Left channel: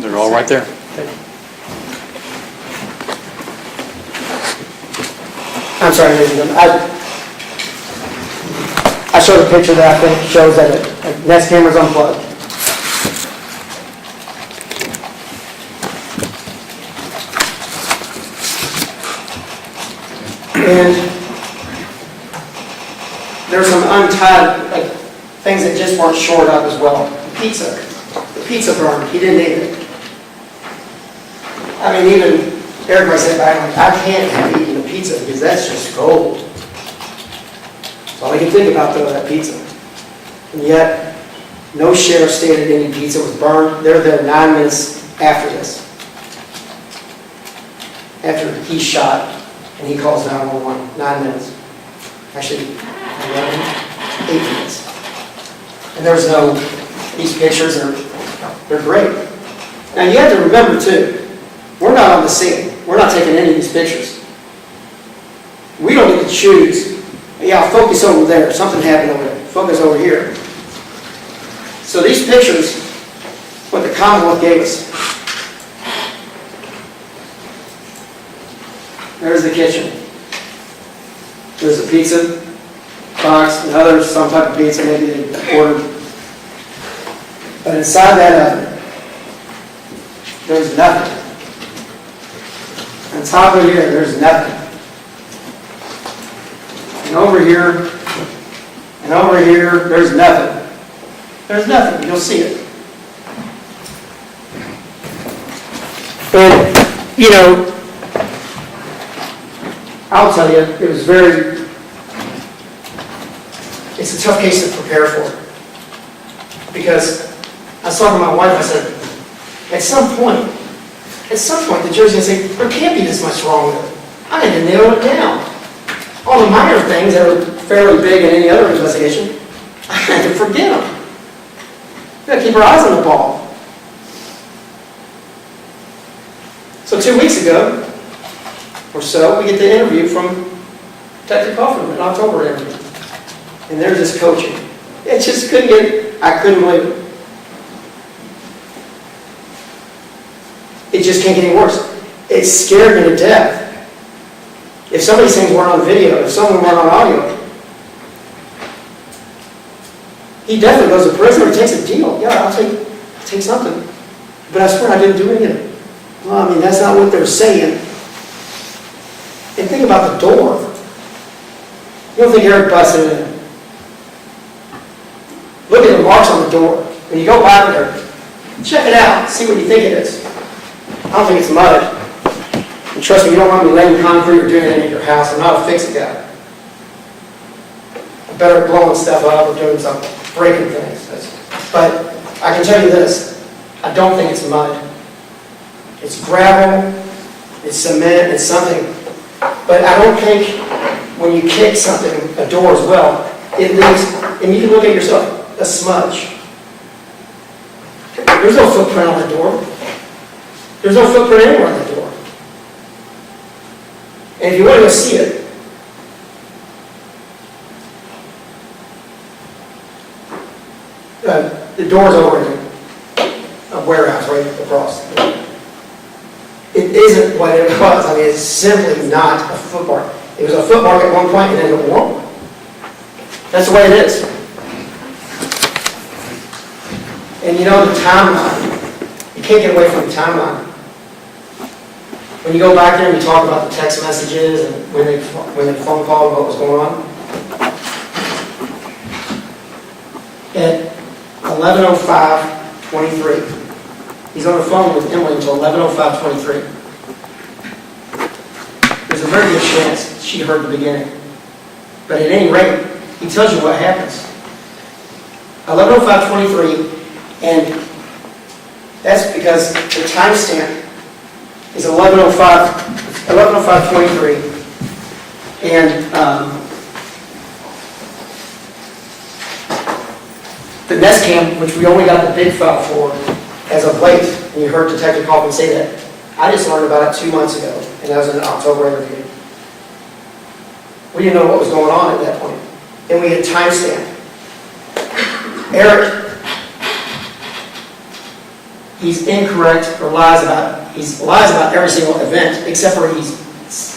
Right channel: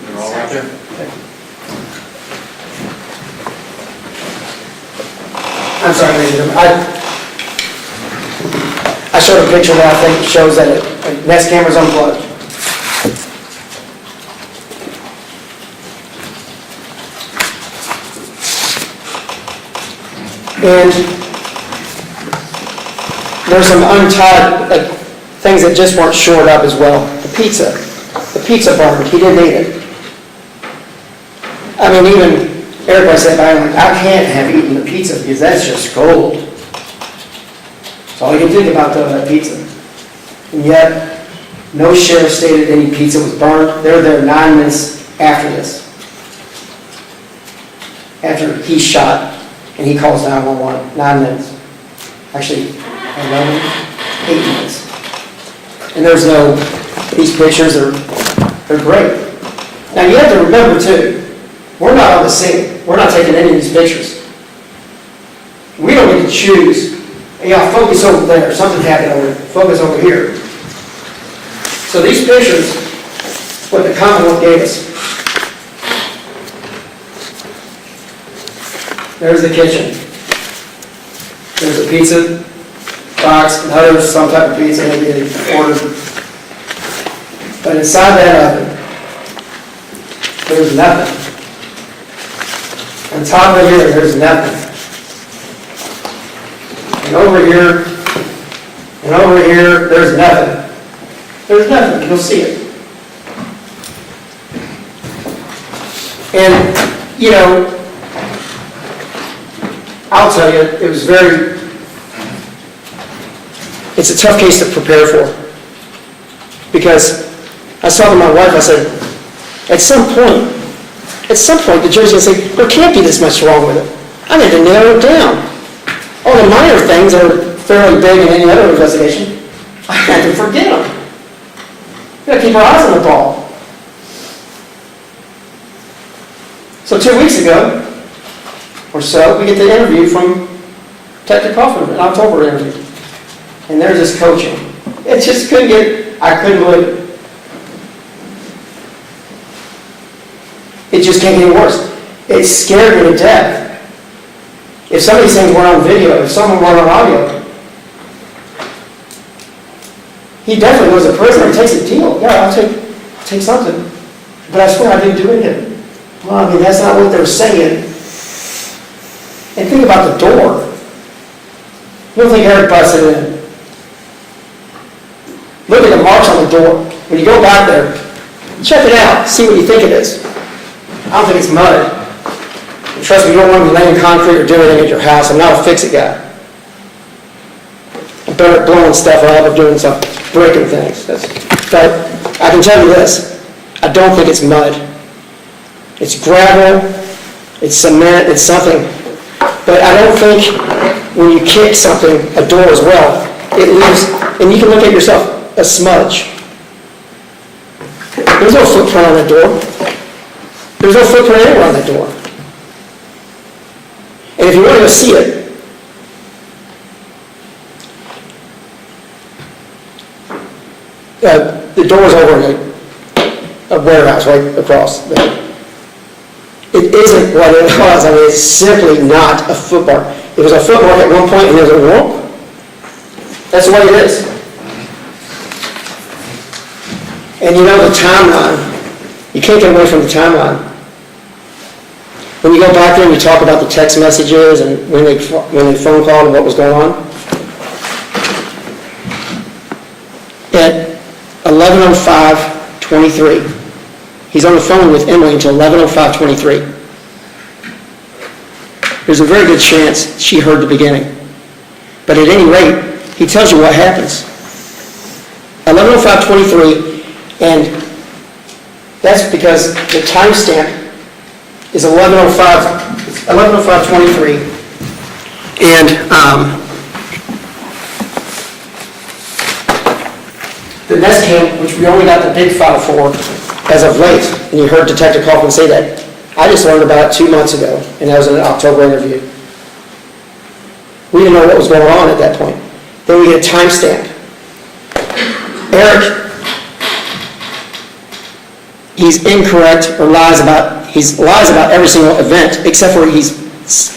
They're all right there. I'm sorry, I showed a picture that I think shows that a Nest camera's unplugged. And there's some untied things that just weren't shored up as well. The pizza bar, he didn't eat it. I mean, even Eric, I said, I can't have eaten the pizza because that's just gold. That's all you can think about, though, that pizza. And yet, no sheriff stated any pizza was burned. They were there 9 minutes after this. After he shot, and he calls 911, 9 minutes. Actually, 11, 8 minutes. And there's no, these pictures they're great. Now, you have to remember, too, we're not on the scene. We're not taking any of these pictures. We don't get to choose. Yeah, focus over there. Something happened over there. Focus over here. So these pictures, what the Commonwealth gave us. There's the kitchen. There's a pizza box, another some type of pizza maybe they ordered. But inside that oven, there's nothing. On top of here, there's nothing. And over here, there's nothing. There's nothing. You'll see it. And, you know, I'll tell you, it was it's a tough case to prepare for. Because I saw to my wife, I said, at some point, the judge is going to say, there can't be this much wrong with it. I need to narrow it down. All the minor things that are fairly big in any other investigation, I had to forget them. You've got to keep our eyes on the ball. So 2 weeks ago, or so, we get the interview from Detective Kaufman, an October interview. And there's this coaching. It just I couldn't believe it. It just can't get any worse. It scared me to death. If some of these things weren't on video, if someone weren't on audio, he definitely goes to prison and takes a deal. Yeah, I'll take something. But I swear I didn't do anything. Well, I mean, that's not what they're saying. And think about the door. You don't think Eric busted it in. Look at the marks on the door. When you go back there, check it out. See what you think it is. I don't think it's mud. And trust me, you don't want to be laying concrete or doing anything at your house. I'm not a fix-it guy. I'm better at blowing stuff up or doing some breaking things. But I can tell you this. I don't think it's mud. It's gravel. It's cement. It's something. But I don't think when you kick something, a door as well, it leaves, and you can look at yourself, a smudge. There's no footprint on that door. There's no footprint anywhere on that door. And if you want to go see it, the door's over in a warehouse right across there. It isn't what it was. I mean, it's simply not a foot bar. It was a foot bar at one point, and there's a wall. That's the way it is. And you know the timeline. You can't get away from the timeline. When you go back there and you talk about the text messages and when they phone called and what was going on, at 11:05:23, he's on the phone with Emily until 11:05:23. There's a very good chance she heard the beginning. But at any rate, he tells you what happens. 11:05:23, and that's because the timestamp is 11:05:23, and the Nest Cam, which we only got the big file for as of late, and you heard Detective Kaufman say that. I just learned about it 2 months ago, and that was in an October interview. We didn't know what was going on at that point. Then we get a timestamp. Eric he's incorrect or lies about every single event, except for he's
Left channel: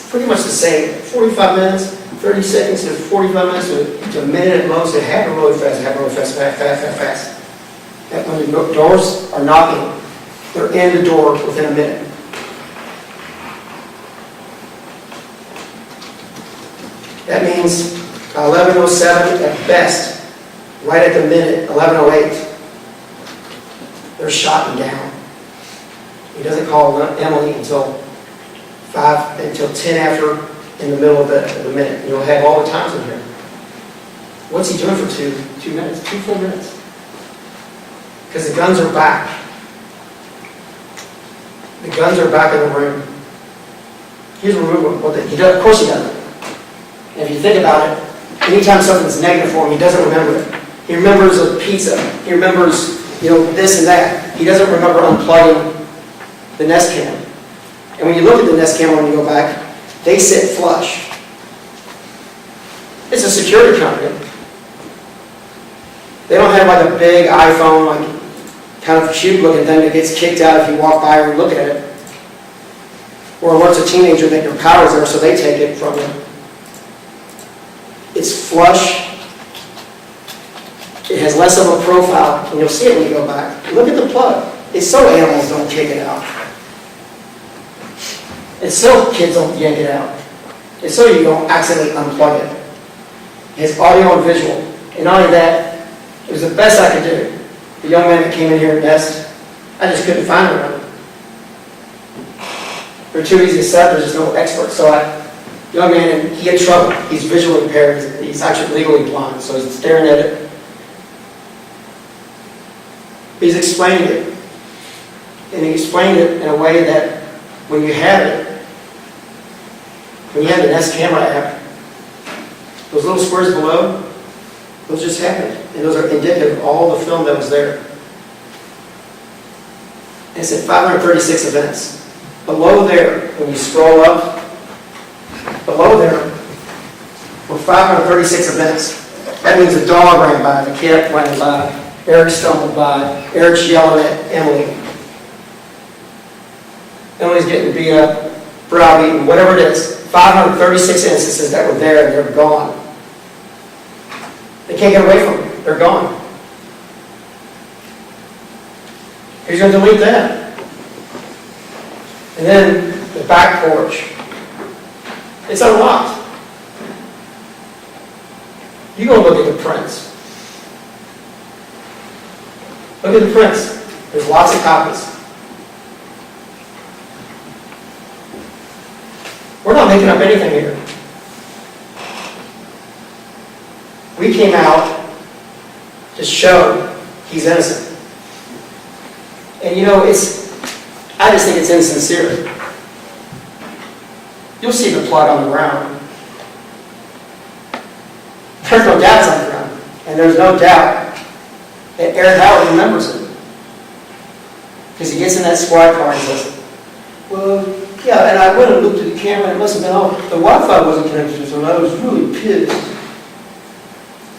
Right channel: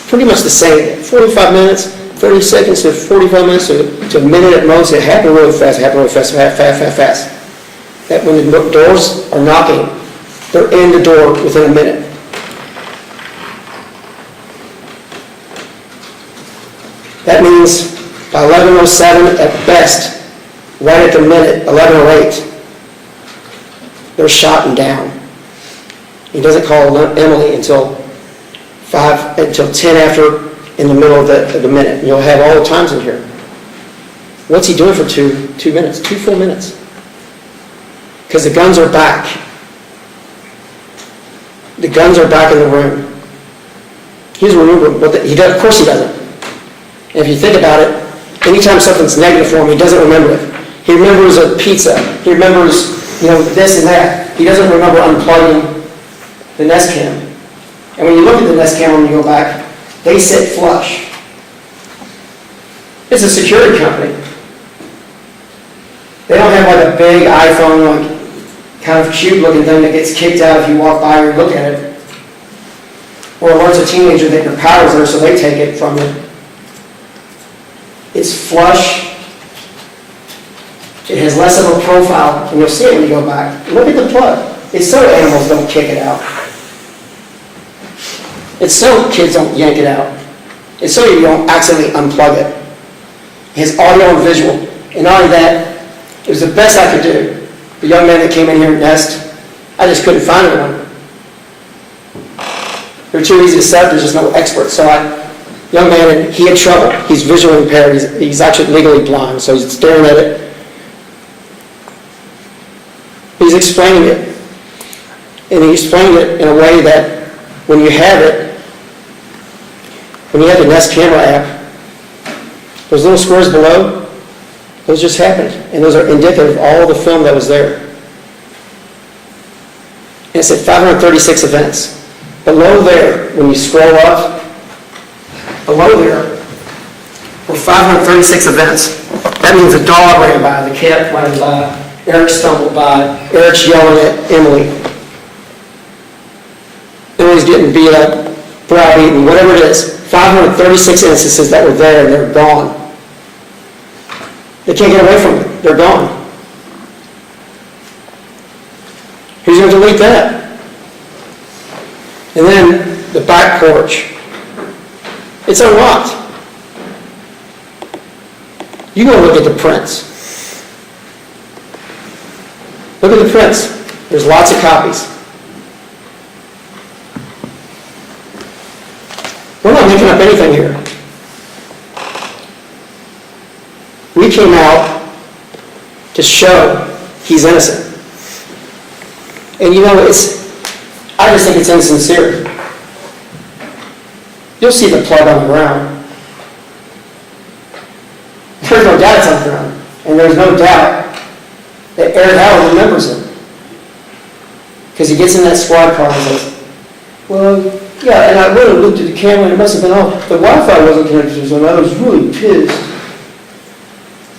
pretty much the same. 45 minutes, 30 seconds to 45 minutes to a minute at most. It happened really fast, fast. That when the doors are knocking, they're in the door within a minute. That means by 11:07 at best, right at the minute, 11:08, they're shot and down. He doesn't call Emily until 10 after, in the middle of the minute. And you'll have all the times in here. What's he doing for two minutes, 2 full minutes? Because the guns are back. The guns are back in the room. He's remembering what he does. Of course he doesn't. And if you think about it, anytime something's negative for him, he doesn't remember it. He remembers a pizza. He remembers, this and that. He doesn't remember unplugging the Nest Cam. And when you look at the Nest Cam when you go back, they sit flush. It's a security company. They don't have like a big iPhone, like kind of cube-looking thing that gets kicked out if you walk by or look at it. Or alerts a teenager that your power's there, so they take it from you. It's flush. It has less of a profile, and you'll see it when you go back. Look at the plug. It's so animals don't kick it out. It's so kids don't yank it out. It's so you don't accidentally unplug it. It has audio and visual. And not only that, it was the best I could do. The young man that came in here at Nest, I just couldn't find one. They're too easy to set. There's just no expert. So young man, he had trouble. He's visually impaired. He's actually legally blind, so he's staring at it. He's explaining it. And he explained it in a way that when you have it, when you have the Nest camera app, those little squares below, those just happened. And those are indicative of all the film that was there. And it said 536 events. Below there, when you scroll up, below there were 536 events. That means a dog ran by, the cat ran by, Erich stumbled by, Eric's yelling at Emily. Emily's getting beat up, browbeaten, whatever it is. 536 instances that were there and they're gone. They can't get away from it. They're gone. Who's going to delete that? And then the back porch. It's unlocked. You go look at the prints. Look at the prints. There's lots of copies. We're not making up anything here. We came out to show he's innocent. And I just think it's insincere. You'll see the plug on the ground. There's no doubt it's on the ground. And there's no doubt that Erich Howard remembers it. Because he gets in that squad car and says, well, yeah, and I went and looked at the camera and it must have been off. The Wi-Fi wasn't connected, so I was really pissed.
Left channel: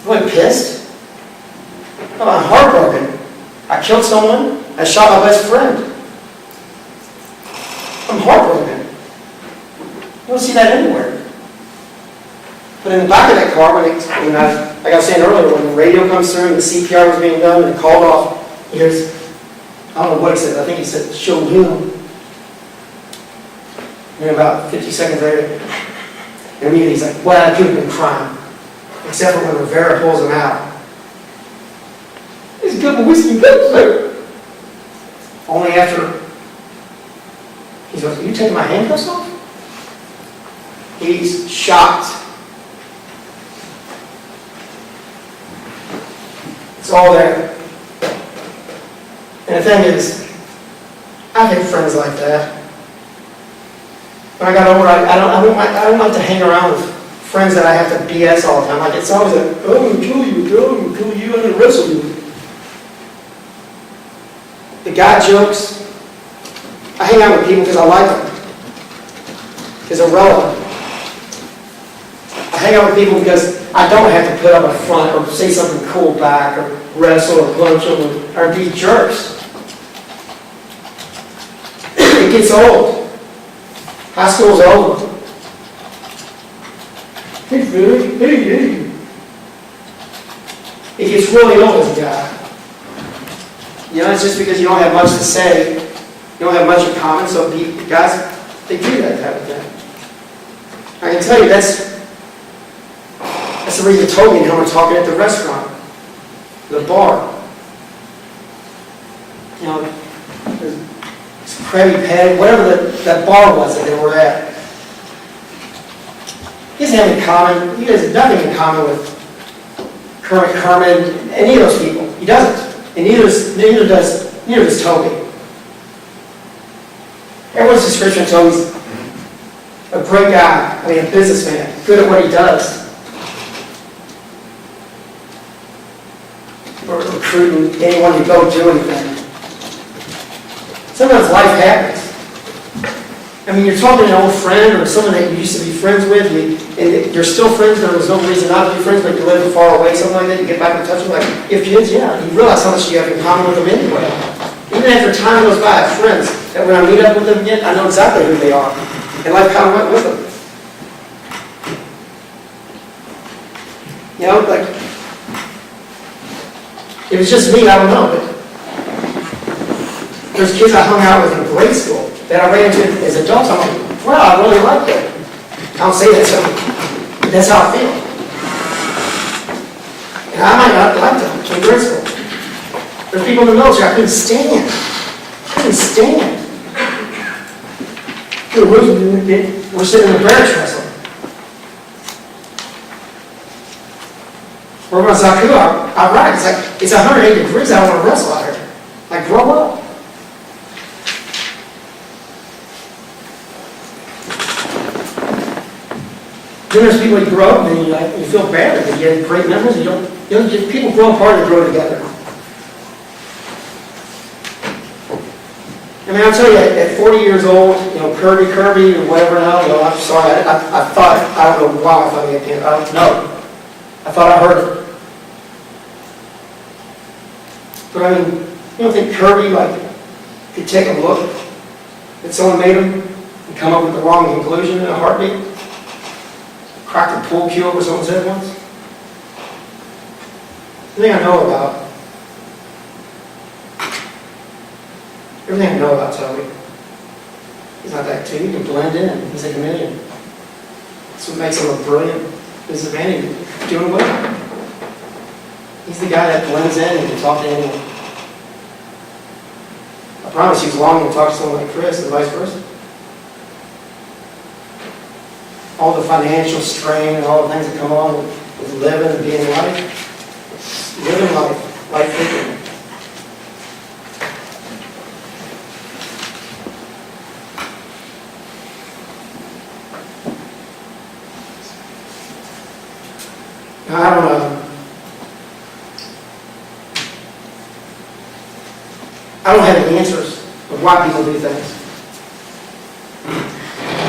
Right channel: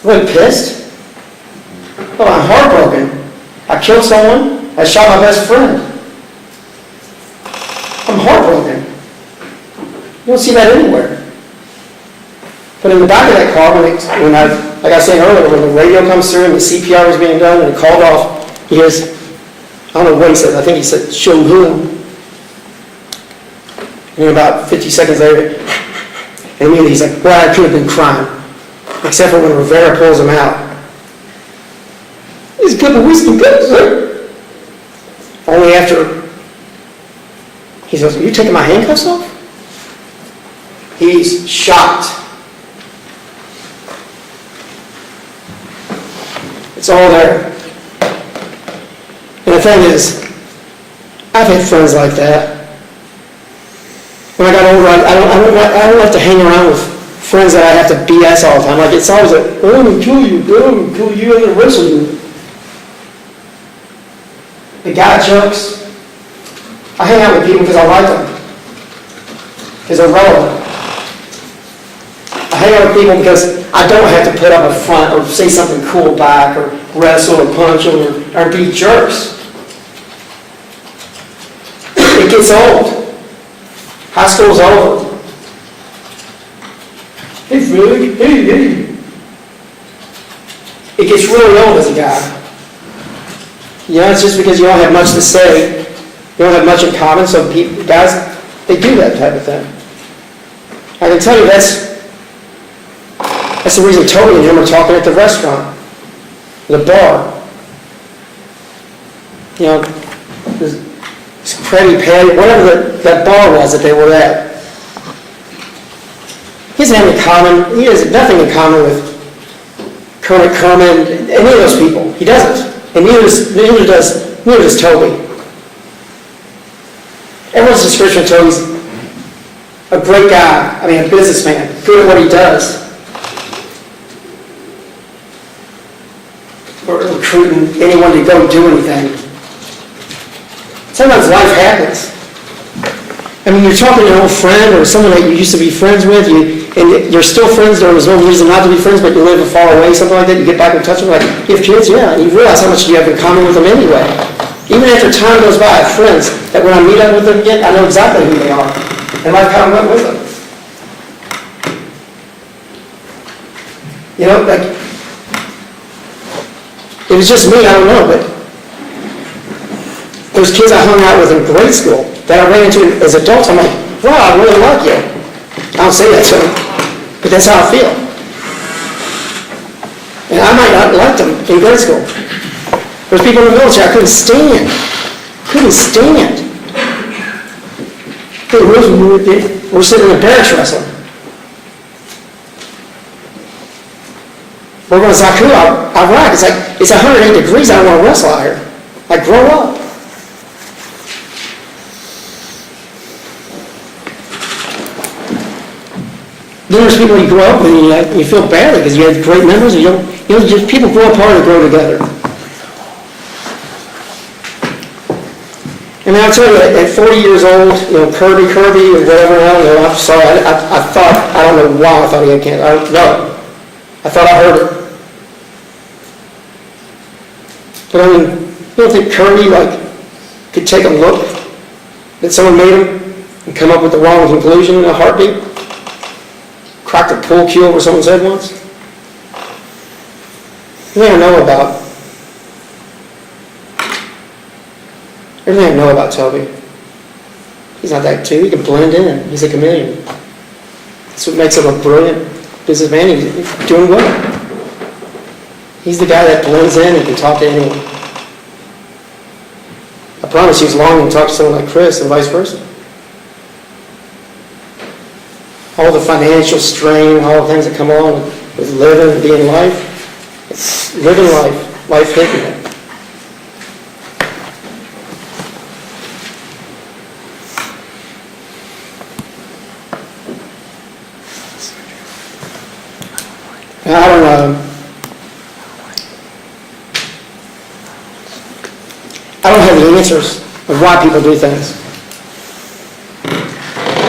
Really pissed? Oh, I'm heartbroken. I killed someone. I shot my best friend. I'm heartbroken. You don't see that anywhere. But in the back of that car, like I was saying earlier, when the radio comes through and the CPR was being done and it called off, he hears, I don't know what he said, I think he said, show who. And about 50 seconds later, and immediately he's like, well, I could have been crying. Except for when Rivera pulls him out. He's a couple of whiskey cups, sir. Only after he goes, are you taking my handcuffs off? He's shocked. It's all there. And the thing is, I've had friends like that. When I got older, I don't like to hang around with friends that I have to BS all the time. Like, it's always like, I'm going to kill you, I'm going to kill you, I'm going to wrestle you. The guy jokes. I hang out with people because I like them. Because they're relevant. I hang out with people because I don't have to put up a front or say something cool back or wrestle or punch or be jerks. it gets old. High school's over. Hey, really? Hey. It gets really old as a guy. You know, it's just because you don't have much to say, you don't have much in common, so people, guys, they do that type of thing. I can tell you that's the reason Toby and him are talking at the restaurant, the bar. You know, this Krabby Patty, whatever that bar was that they were at. He doesn't have he has nothing in common with Kermit, any of those people. He doesn't. And neither does Toby. Everyone's description of Toby's a great guy, a businessman, good at what he does. Or recruiting anyone to go do anything. Sometimes life happens. You're talking to an old friend or someone that you used to be friends with, and you're still friends, there's no reason not to be friends, but you live far away, something like that, you get back in touch with, you have kids, yeah, and you realize how much you have in common with them anyway. Even after time goes by, I have friends that when I meet up with them again, I know exactly who they are, and life kind of went with them. You know, it was just me, I don't know, but there's kids I hung out with in grade school that I ran into as adults. I'm like, wow, I really like you. I don't say that to them, but that's how I feel. And I might not like them in grade school. There's people in the military I couldn't stand. Hey, we're sitting in a barracks wrestling. We're going to Zaku, Iraq. It's 108 degrees. I don't want to wrestle out here. Grow up. There's people you grow up with and you feel badly because you have great memories. People grow apart and grow together. And I'll tell you, at 40 years old, Kirby or whatever, I'm sorry, I don't know why I thought he had cancer. I don't know. I thought I heard it. But you don't think Kirby could take a look that someone made him and come up with the wrong conclusion in a heartbeat? Cracked a pool cue over someone's head once? Everything I know about Toby, he's not that too. He can blend in. He's a chameleon. That's what makes him a brilliant businessman. He's doing well. He's the guy that blends in and can talk to anyone. I promise you, he's long to talk to someone like Chris and vice versa. All the financial strain, all the things that come along with living and being life. It's living life hitting it. I don't have the answers of why people do things.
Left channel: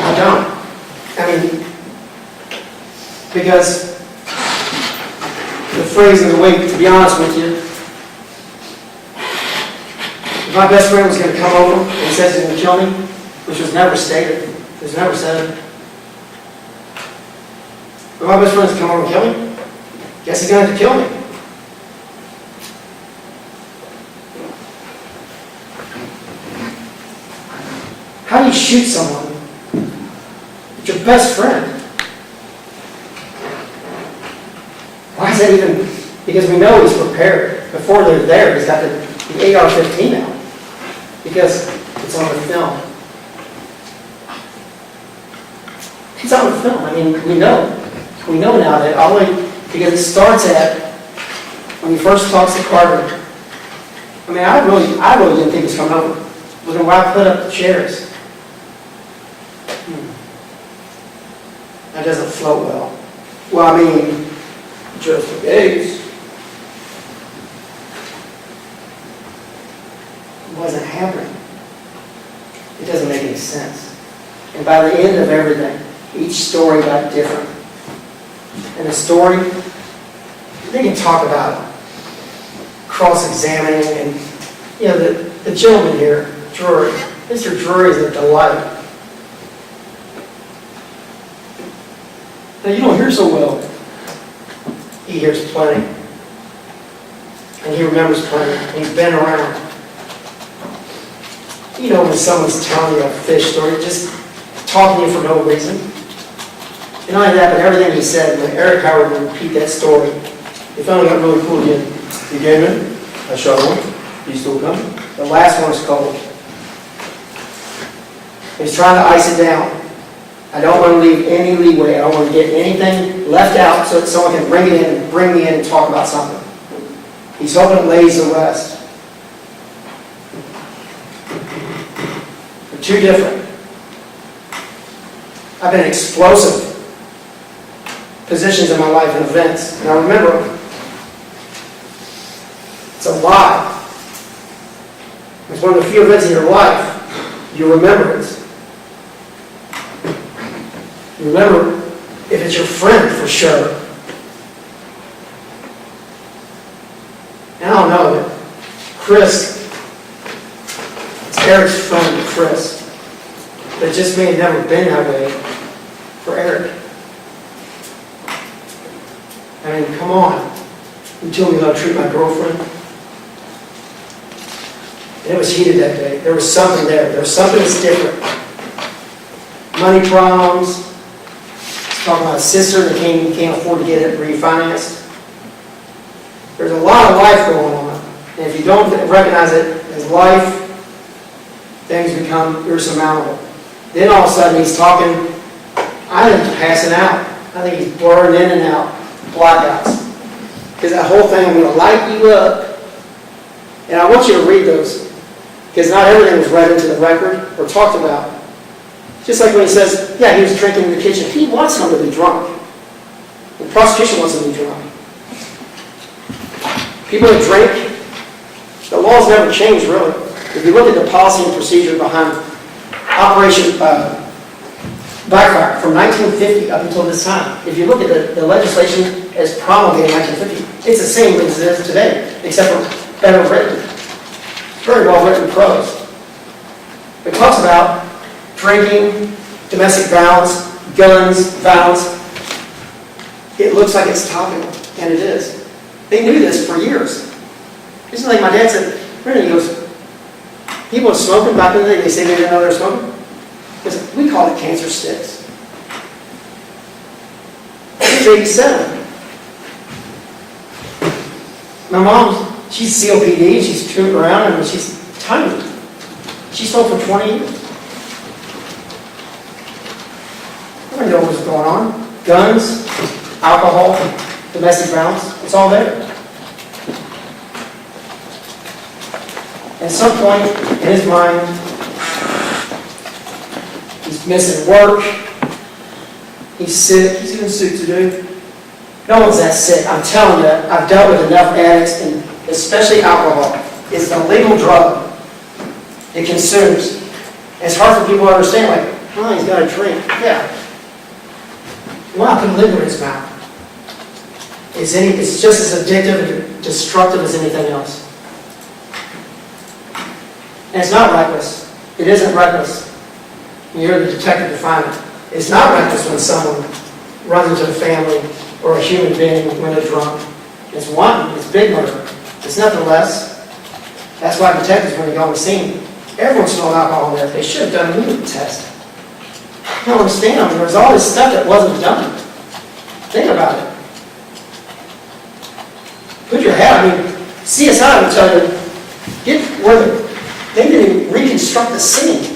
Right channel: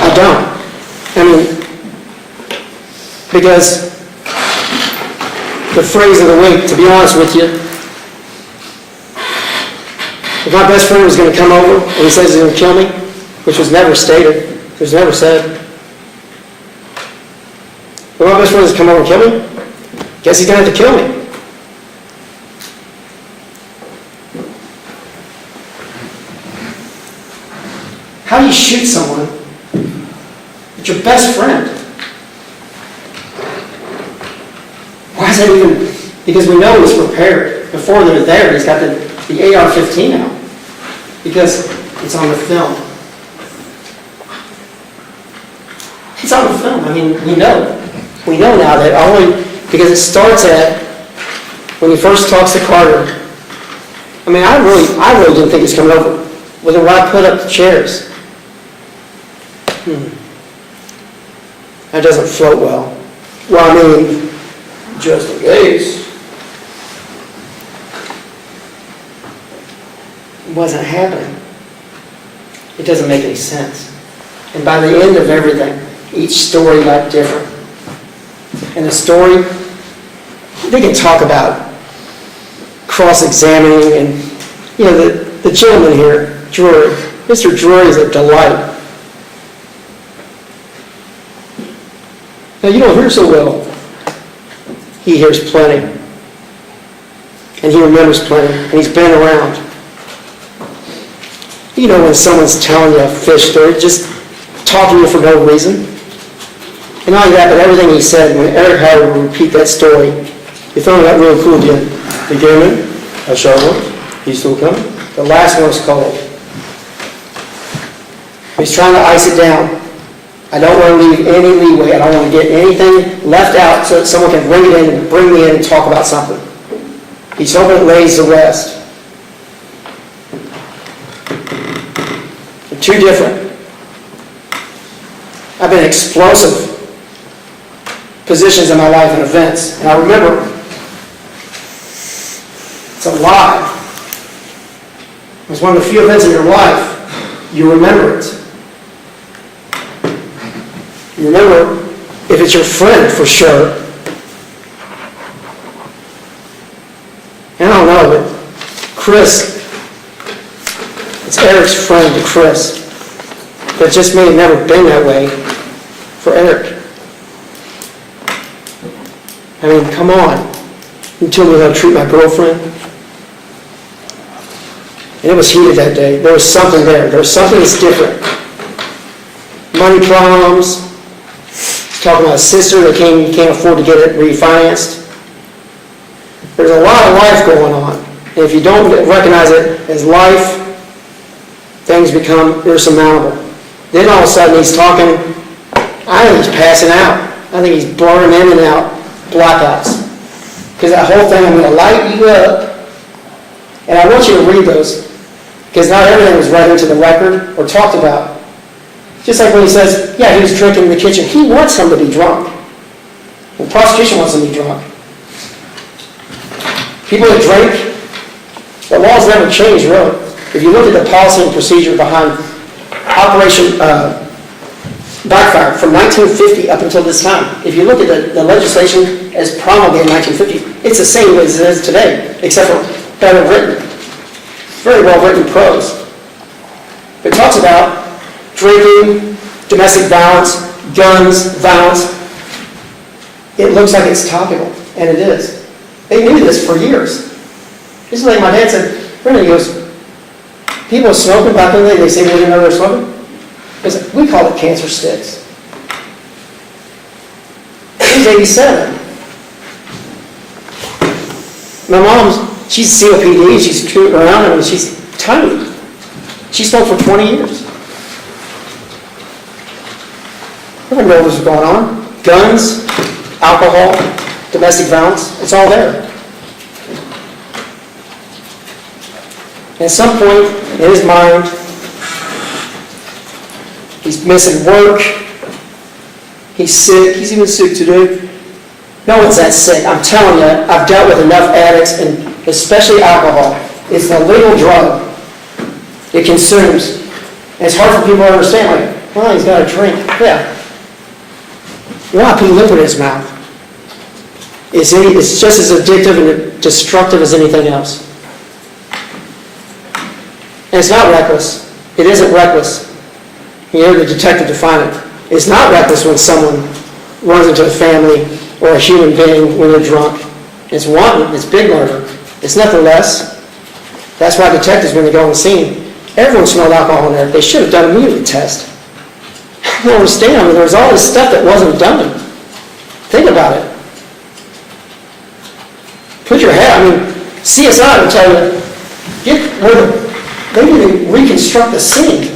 I don't. Because the phrase of the week, to be honest with you, if my best friend was going to come over and he says he's going to kill me, which was never stated, it was never said. If my best friend is come over and kill me, guess he's going to have to kill me. How do you shoot someone? It's your best friend. Why is that even? Because we know he's prepared. Before they're there, he's got the AR-15 out. Because it's on the film. It's on the film. We know. We know now that because it starts at when he first talks to Carter. I really didn't think he was coming over. Well, then why put up the chairs? That doesn't float well. Just in case. It wasn't happening. It doesn't make any sense. And by the end of everything, each story got different. And the story, they can talk about cross-examining and, the gentleman here, Drury, Mr. Drury is a delight. Now, you don't hear so well. He hears plenty. And he remembers plenty. And he's been around. You know when someone's telling you a fish story, just talking to you for no reason? And not only that, but everything he said, when Erich Howard would repeat that story, he thought it got really cool again. The game a sharp one. He's still coming. The last one was cold. He's trying to ice it down. I don't want to leave any leeway. I don't want to get anything left out so that someone can bring me in and talk about something. He's hoping it lays to rest. They're two different. I've been explosive positions in my life and events. And I remember, it's a lie. It's one of the few events in your life, you remember it. You remember if it's your friend for sure. And I don't know, but Chris, it's Eric's friend to Chris. But it just may have never been that way for Erich. I mean, come on. You told me how to treat my girlfriend. And it was heated that day. There was something there. There was something that's different. Money problems. He's talking about a sister that he can't afford to get it refinanced. There's a lot of life going on. And if you don't recognize it as life, things become insurmountable. Then all of a sudden he's talking, I think he's passing out. I think he's blurring in and out, blackouts. Because that whole thing, I'm going to light you up. And I want you to read those. Because not everything was read into the record or talked about. Just like when he says, yeah, he was drinking in the kitchen. He wants him to be drunk. The prosecution wants him to be drunk. People that drink, the laws never change, really. If you look at the policy and procedure behind Operation Backfire from 1950 up until this time, if you look at the legislation as promulgated in 1950, it's the same as it is today, except for better written. Very well written prose. It talks about drinking, domestic violence, guns, violence. It looks like it's topical, and it is. They knew this for years. This is like my dad said, Brenda, he goes, people were smoking back in the day, they say they didn't know they were smoking. He said, we call it cancer sticks. He's 87. My mom's, she's COPD, she's screwing around, I mean, she's tiny. She smoked for 20 years. Everyone knows what's going on. Guns, alcohol, domestic violence, it's all there. At some point in his mind, he's missing work, he's sick, he's even sick today. No one's that sick. I'm telling you, I've dealt with enough addicts, and especially alcohol. It's an illegal drug. It consumes. And it's hard for people to understand, like, well, he's got a drink. Yeah. You want to put liquor in his mouth. It's just as addictive and destructive as anything else. And it's not reckless. It isn't reckless. You hear the detective define it. It's not reckless when someone runs into a family or a human being when they're drunk. It's wanton. It's big murder. It's nothing less. That's why detectives, when they go on the scene, everyone smelled alcohol in there. They should have done a immediate test. You don't understand. I mean, there was all this stuff that wasn't done. Think about it. Put your head, I mean, CSI would tell you, they didn't even reconstruct the scene.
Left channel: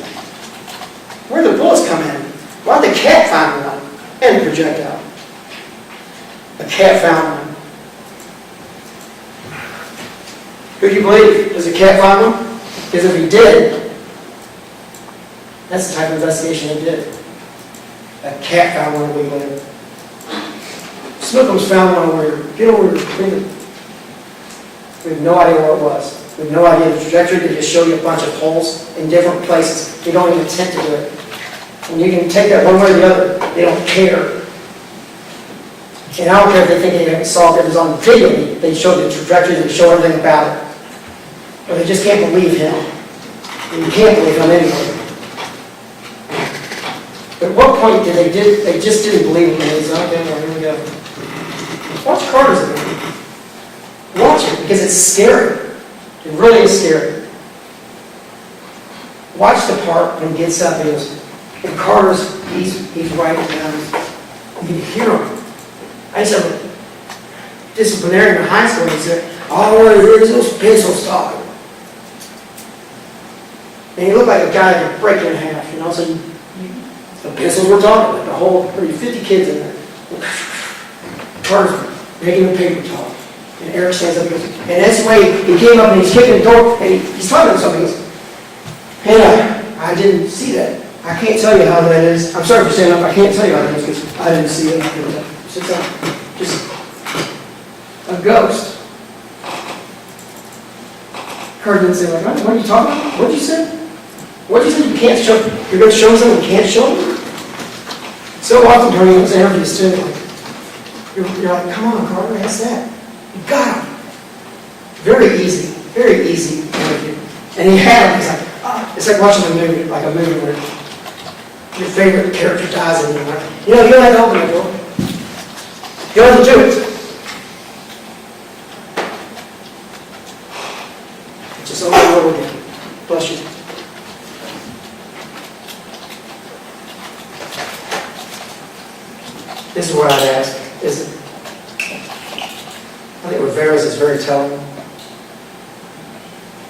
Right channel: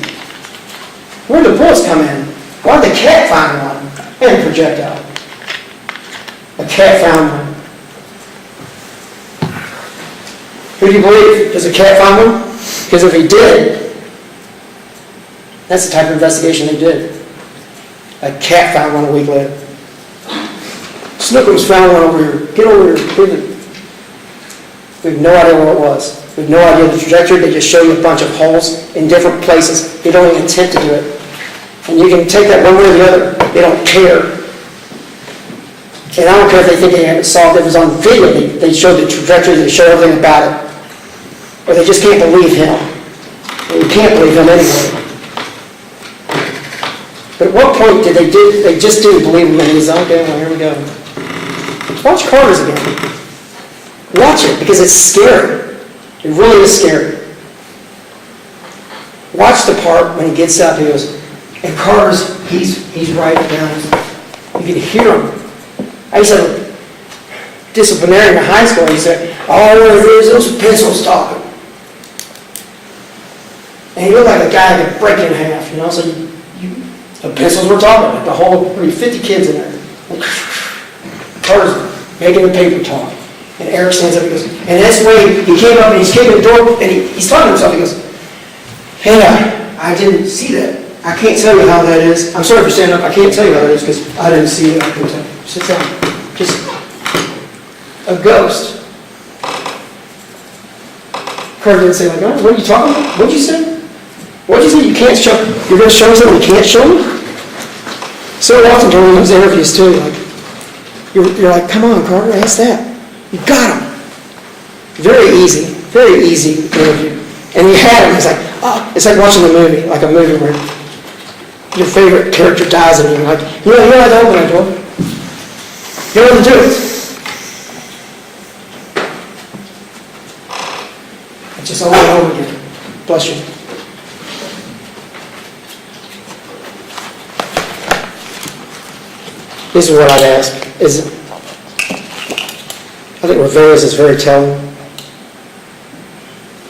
Where did the bullets come in? Why did the cat find one? And the projectile. A cat found one. Who do you believe? Does a cat find one? Because if he did, that's the type of investigation they did. A cat found one a week later. Snookum's found one over here. Get over here. We have no idea what it was. We have no idea the trajectory. They just show you a bunch of holes in different places. They don't even attempt to do it. And you can take that one way or the other. They don't care. And I don't care if they think they haven't solved it. It was on video. They showed the trajectory. They showed everything about it. Or they just can't believe him. And you can't believe him anyway. But at what point did they just didn't believe him, and he's, okay, well, here we go. Watch Carter's again. Watch it, because it's scary. It really is scary. Watch the part when he gets up, he goes, and Carter's, he's writing down. You can hear him. I used to have a disciplinarian in high school, and he said, all I want to hear is those pencils talking. And he looked like a guy that could break it in half, so the pencils were talking, like the whole, 50 kids in there. Carter's making the paper talk. And Erich stands up and goes, and that's the way he came up and he's kicking the door, and he's talking to himself, he goes, Hannah, I didn't see that. I can't tell you how that is. I'm sorry for standing up, I can't tell you how that is because I didn't see it. I couldn't tell you. Sit down. Just a ghost. Carter didn't say, like, oh, what are you talking about? What did you say? What did you say? You can't show, you're going to show me something you can't show me? So often during those interviews too, like, you're like, come on, Carter, ask that. You got him. Very easy interview. And he had him, he's like, oh, it's like watching a movie where your favorite character dies and you're like, you don't have to open that door. You don't have to do it. It's just over and over again. Bless you. This is what I'd ask. I think Rivera's is very telling.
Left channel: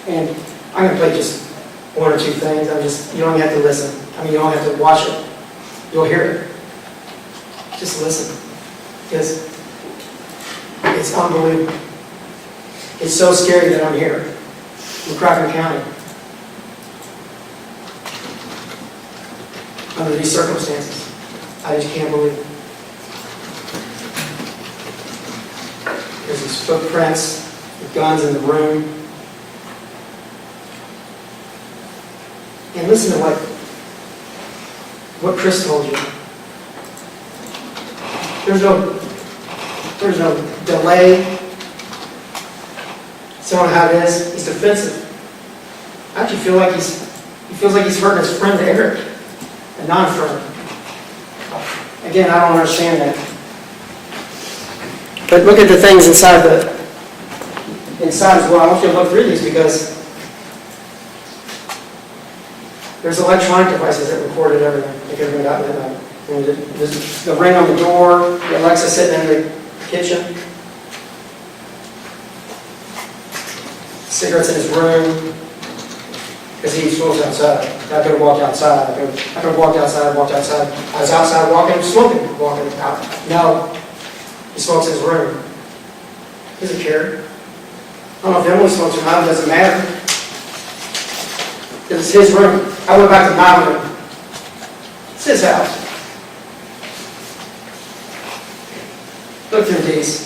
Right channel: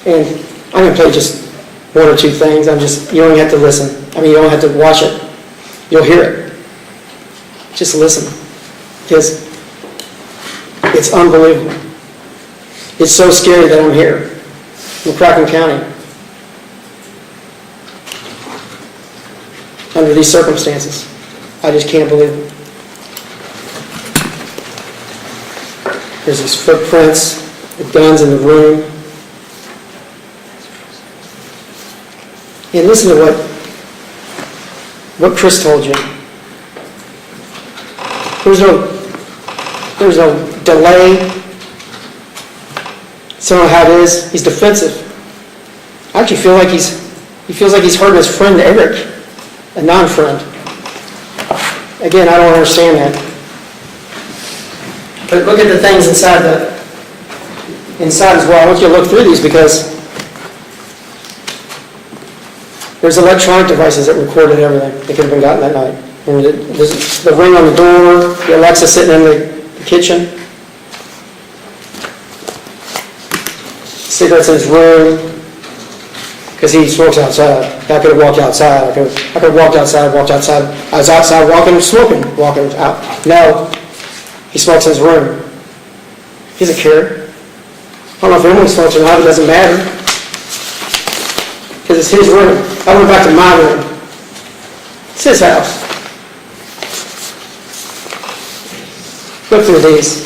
And I'm going to play just one or two things. You don't have to listen. You don't have to watch it. You'll hear it. Just listen. Because it's unbelievable. It's so scary that I'm here. McCracken County. Under these circumstances. I just can't believe it. There's these footprints, with guns in the room. And listen to what Chris told you. There's no delay. So how it is, he's defensive. I actually feel like he feels like he's hurting his friend Erich, a non-friend. Again, I don't understand that. But look at the things inside as well. I want you to look through these because there's electronic devices that recorded everything that could have been gotten that night. There's the ring on the door, the Alexa sitting in the kitchen, cigarettes in his room, because he smokes outside. I could have walked outside. I could have walked outside. I was outside walking out. No. He smokes in his room. He doesn't care. I don't know if anyone smokes or not, it doesn't matter. Because it's his room. I went back to my room. It's his house. Look through these.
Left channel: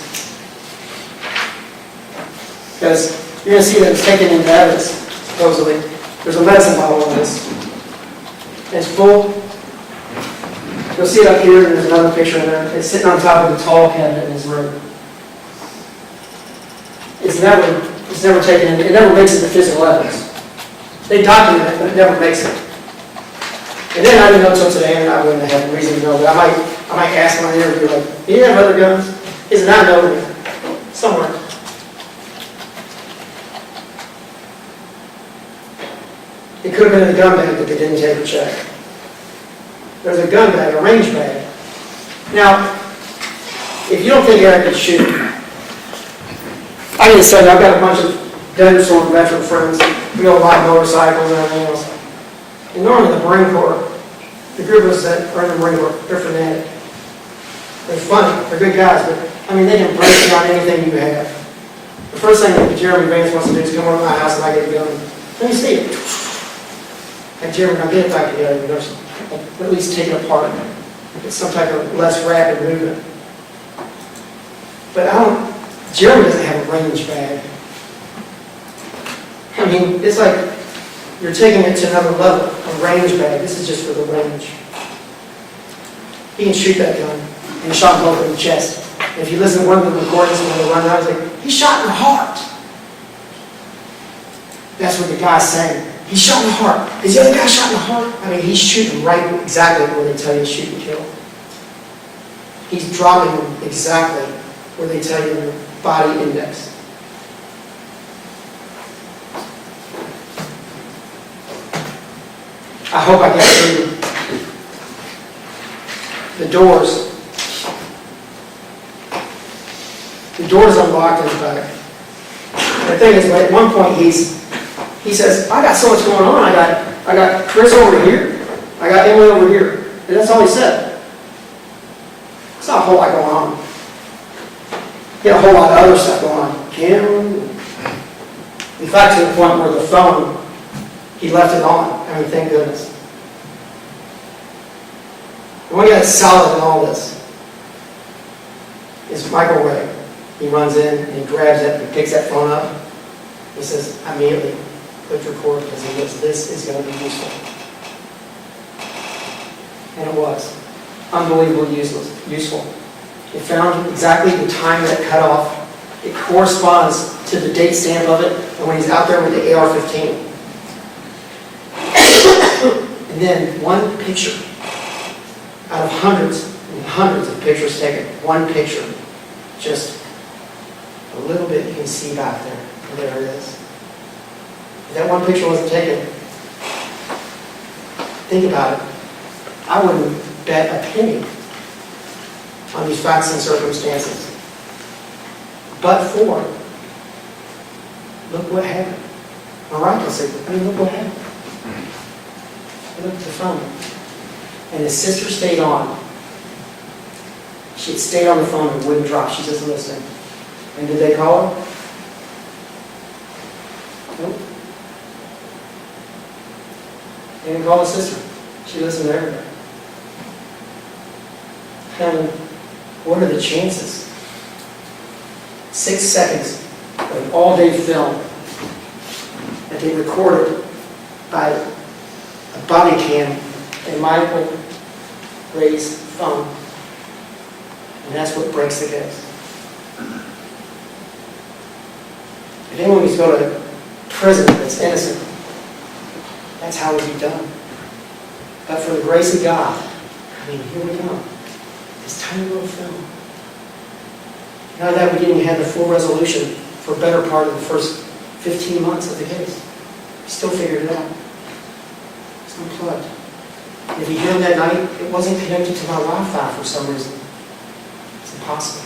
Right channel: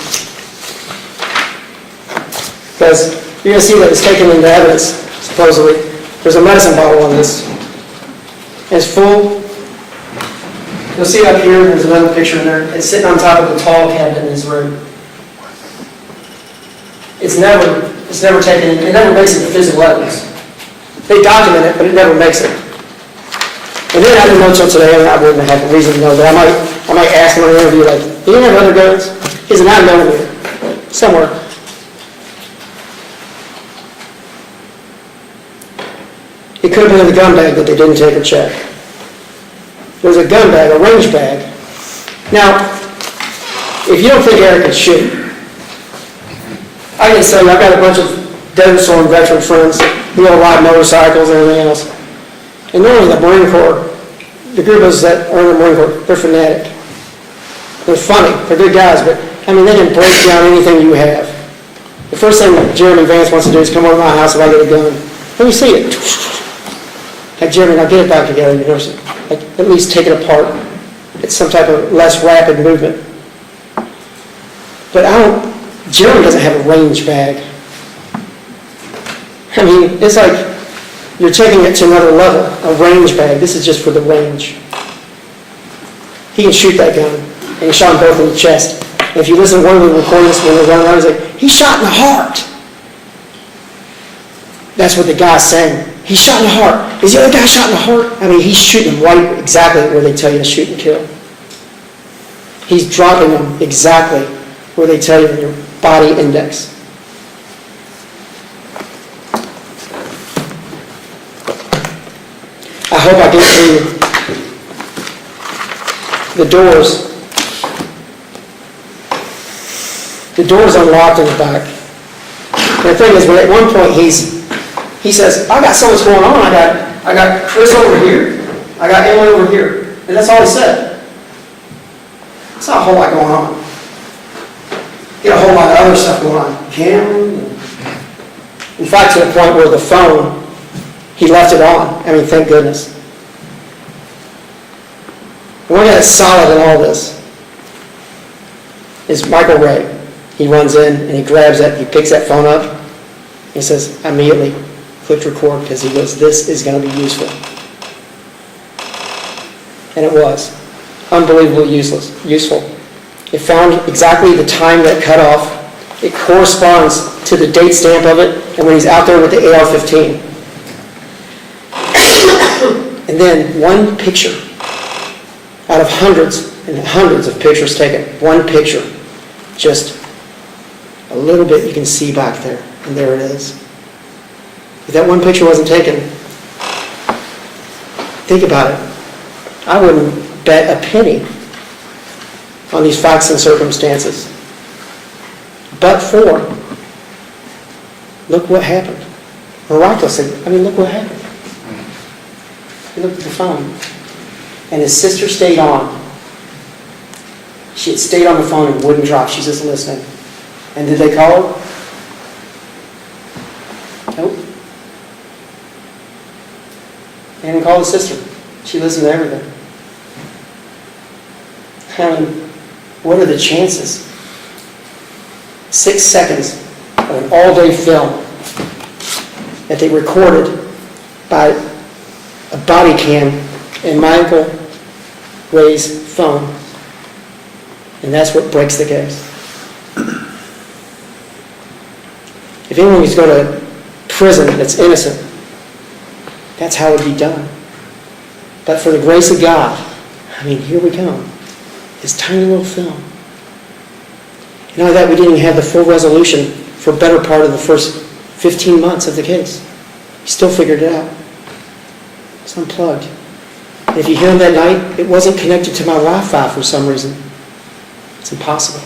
Because you're going to see that it's taken into evidence, supposedly. There's a medicine bottle on this. And it's full. You'll see up here, there's another picture there. It's sitting on top of the tall cabinet in his room. It's never taken, it never makes it to physical evidence. They document it, but it never makes it. And then I didn't know until today, and I wouldn't have a reason to know that. I might ask him in an interview, like, do you have other guns? He said, I know here. Somewhere. It could have been in the gun bag that they didn't take or check. There's a gun bag, a range bag. Now, if you don't think Erich could shoot, I can say I've got a bunch of Desert Storm veteran friends who ride motorcycles and everything else. And normally the Marine Corps, the group of us that are in the Marine Corps, they're fanatic. They're funny, they're good guys, but they can break down anything you have. The first thing that Jeremy Vance wants to do is come over to my house if I get a gun. Let me see it. Like, Jeremy, now get it back together. Like, at least take it apart. It's some type of less rapid movement. But Jeremy doesn't have a range bag. It's like you're taking it to another level, a range bag. This is just for the range. He can shoot that gun, and he shot him both in the chest. And if you listen to one of the recordings when they're running around, he's like, he shot in the heart. That's what the guy's saying. He's shot in the heart. Is the other guy shot in the heart? I mean, he's shooting right exactly where they tell you to shoot and kill. He's dropping them exactly where they tell you in your body index. I hope I get through the doors. The door's unlocked in the back. And the thing is, at one point he says, I got so much going on. I got Chris over here. I got Emily over here. And that's all he said. It's not a whole lot going on. He had a whole lot of other stuff going on. Cameras. In fact, to the point where the phone, he left it on. I mean, thank goodness. The one guy that's solid in all this is Michael Ray. He runs in and he grabs it, he picks that phone up, he says, I immediately clicked record because he goes, this is going to be useful. And it was. Unbelievably useful. It found exactly the time that cut off. It corresponds to the date stamp of it and when he's out there with the AR-15. And then one picture out of hundreds and hundreds of pictures taken, one picture, just a little bit you can see back there, and there it is. If that one picture wasn't taken, think about it. I wouldn't bet a penny on these facts and circumstances. But for, look what happened. Miraculously, look what happened. Look at the phone. And his sister stayed on. She had stayed on the phone and wouldn't drop. She's just listening. And did they call her? Nope. They didn't call the sister. She listened to everything. What are the chances? 6 seconds of an all-day film that they recorded by a body cam in Michael Ray's phone. And that's what breaks the case. If anyone needs to go to prison that's innocent, that's how it would be done. But for the grace of God, here we go. This tiny little film. Not only that, we didn't even have the full resolution for a better part of the first 15 months of the case. We still figured it out. It's unplugged. And if you hear him that night, it wasn't connected to my Wi-Fi for some reason. It's impossible.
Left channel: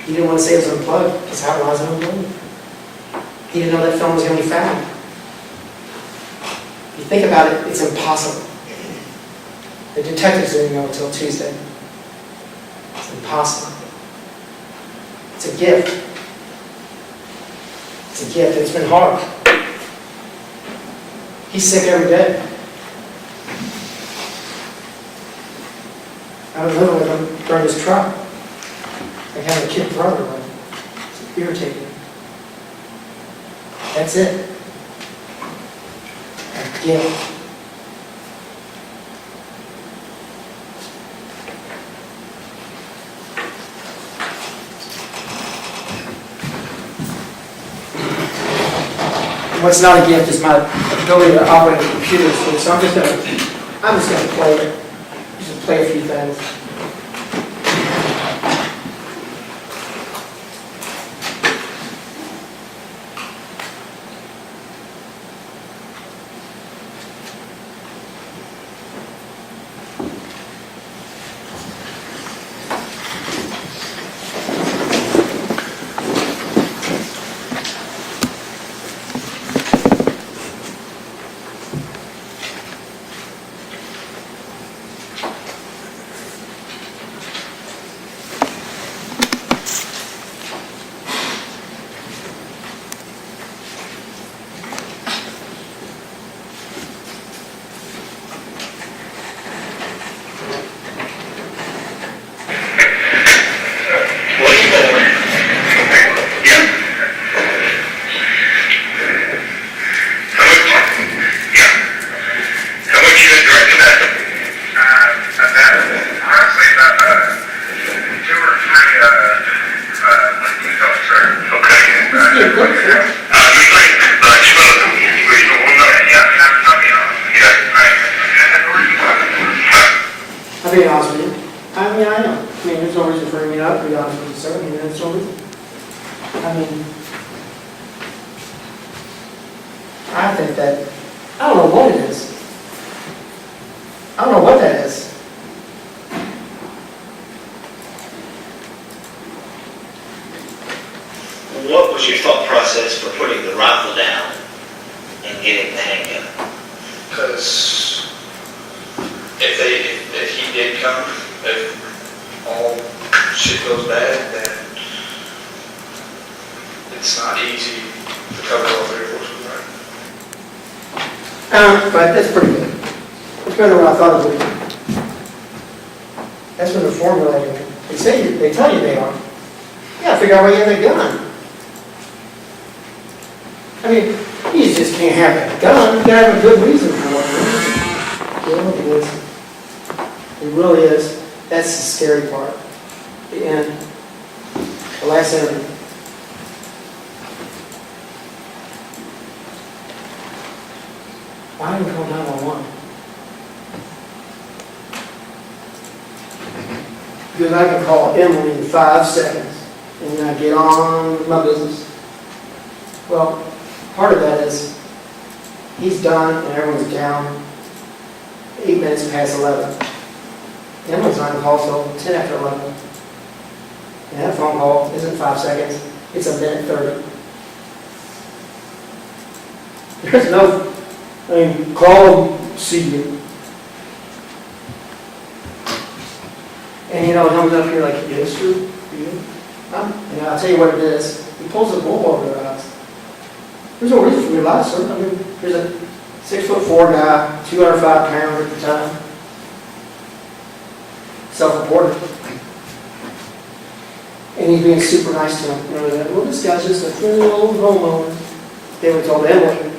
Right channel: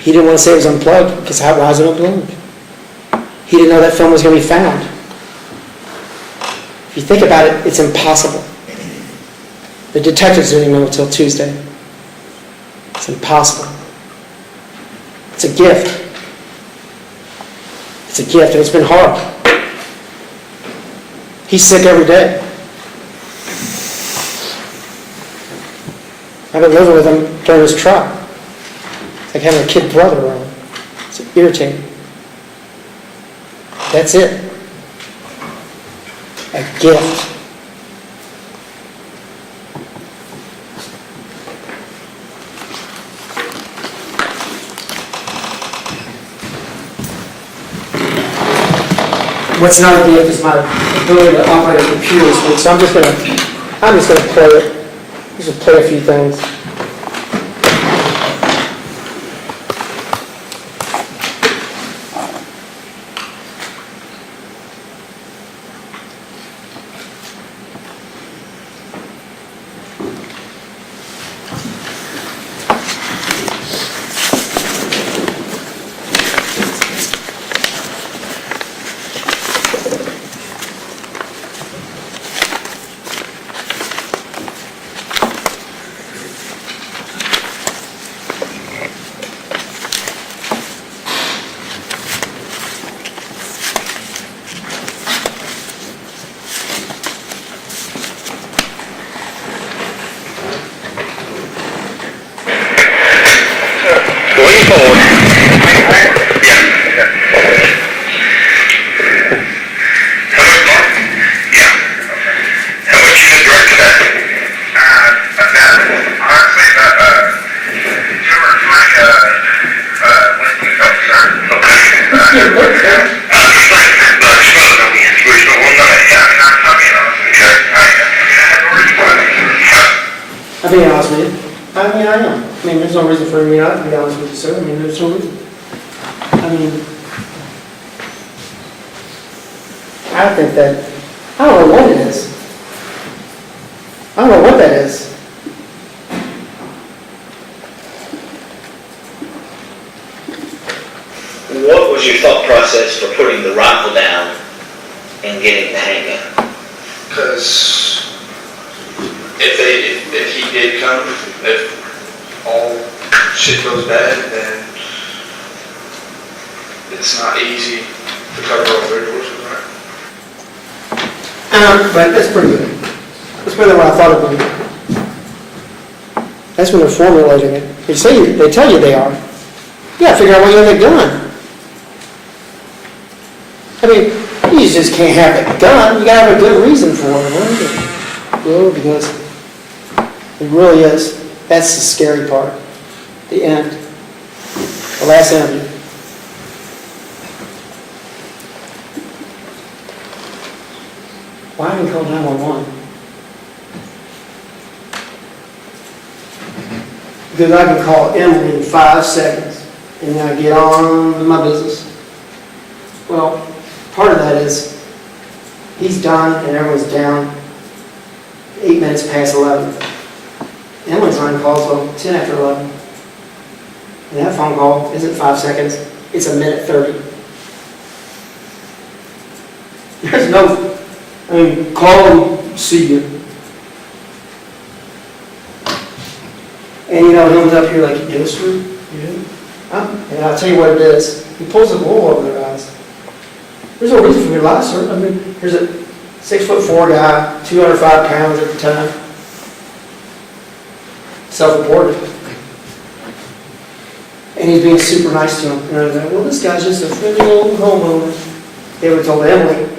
He didn't want to say it was unplugged because how was it unplugged? He didn't know that film was going to be found. If you think about it, it's impossible. The detectives didn't know until Tuesday. It's impossible. It's a gift. It's a gift, and it's been hard. He's sick every day. I've been living with him during his trial. It's like having a kid brother around. It's irritating. That's it. A gift. What's not a gift is my ability to operate a computer this week. So I'm just gonna play it. Just play a few things. being honest with you. I mean, I am. I mean, there's no reason for me not to be honest with you, sir. I mean, there's no reason. I mean, I think that, I don't know what it is. I don't know what that is. What was your thought process for putting the rifle down and getting the handgun? Because if he did come, if all shit goes bad, then it's not easy to cover all three horses, right? But that's pretty good. That's better than what I thought it would be. That's when they're formulating it. They tell you they are. You gotta figure out why you have a gun. I mean, you just can't have a gun. You gotta have a good reason for it. Right? Well, because it really is. That's the scary part. The end. The last interview. Why didn't you call 911? Because I can call Emily in 5 seconds and then I get on with my business. Well, part of that is he's done and everyone's down 8 minutes past 11. Emily's not on call until 10 after 11. And that phone call isn't 5 seconds, it's a minute 30. There's no, I mean, call them, see you. And you know, he's up here like, yes, true, you do? And I'll tell you what it is. He pulls the wool over their eyes. There's no reason for me to lie, sir. I mean, there's a 6'4" guy, 205 pounds at the time. Self-reported. And he's being super nice to him. And I was like, well, this guy's just a friendly old homeowner. They were told Emily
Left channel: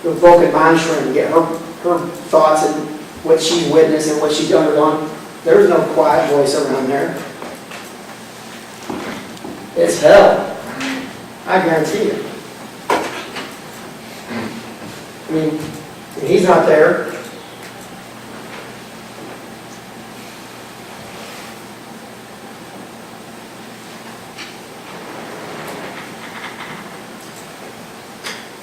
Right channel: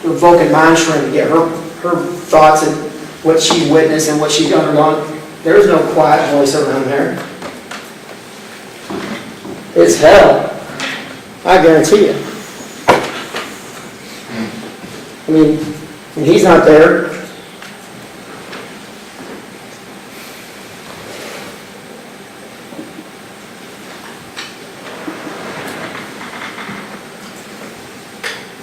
to evoke a mind shrink to get her thoughts and what she witnessed and what she's undergone. There's no quiet voice around there. It's hell. I guarantee you. I mean, when he's not there,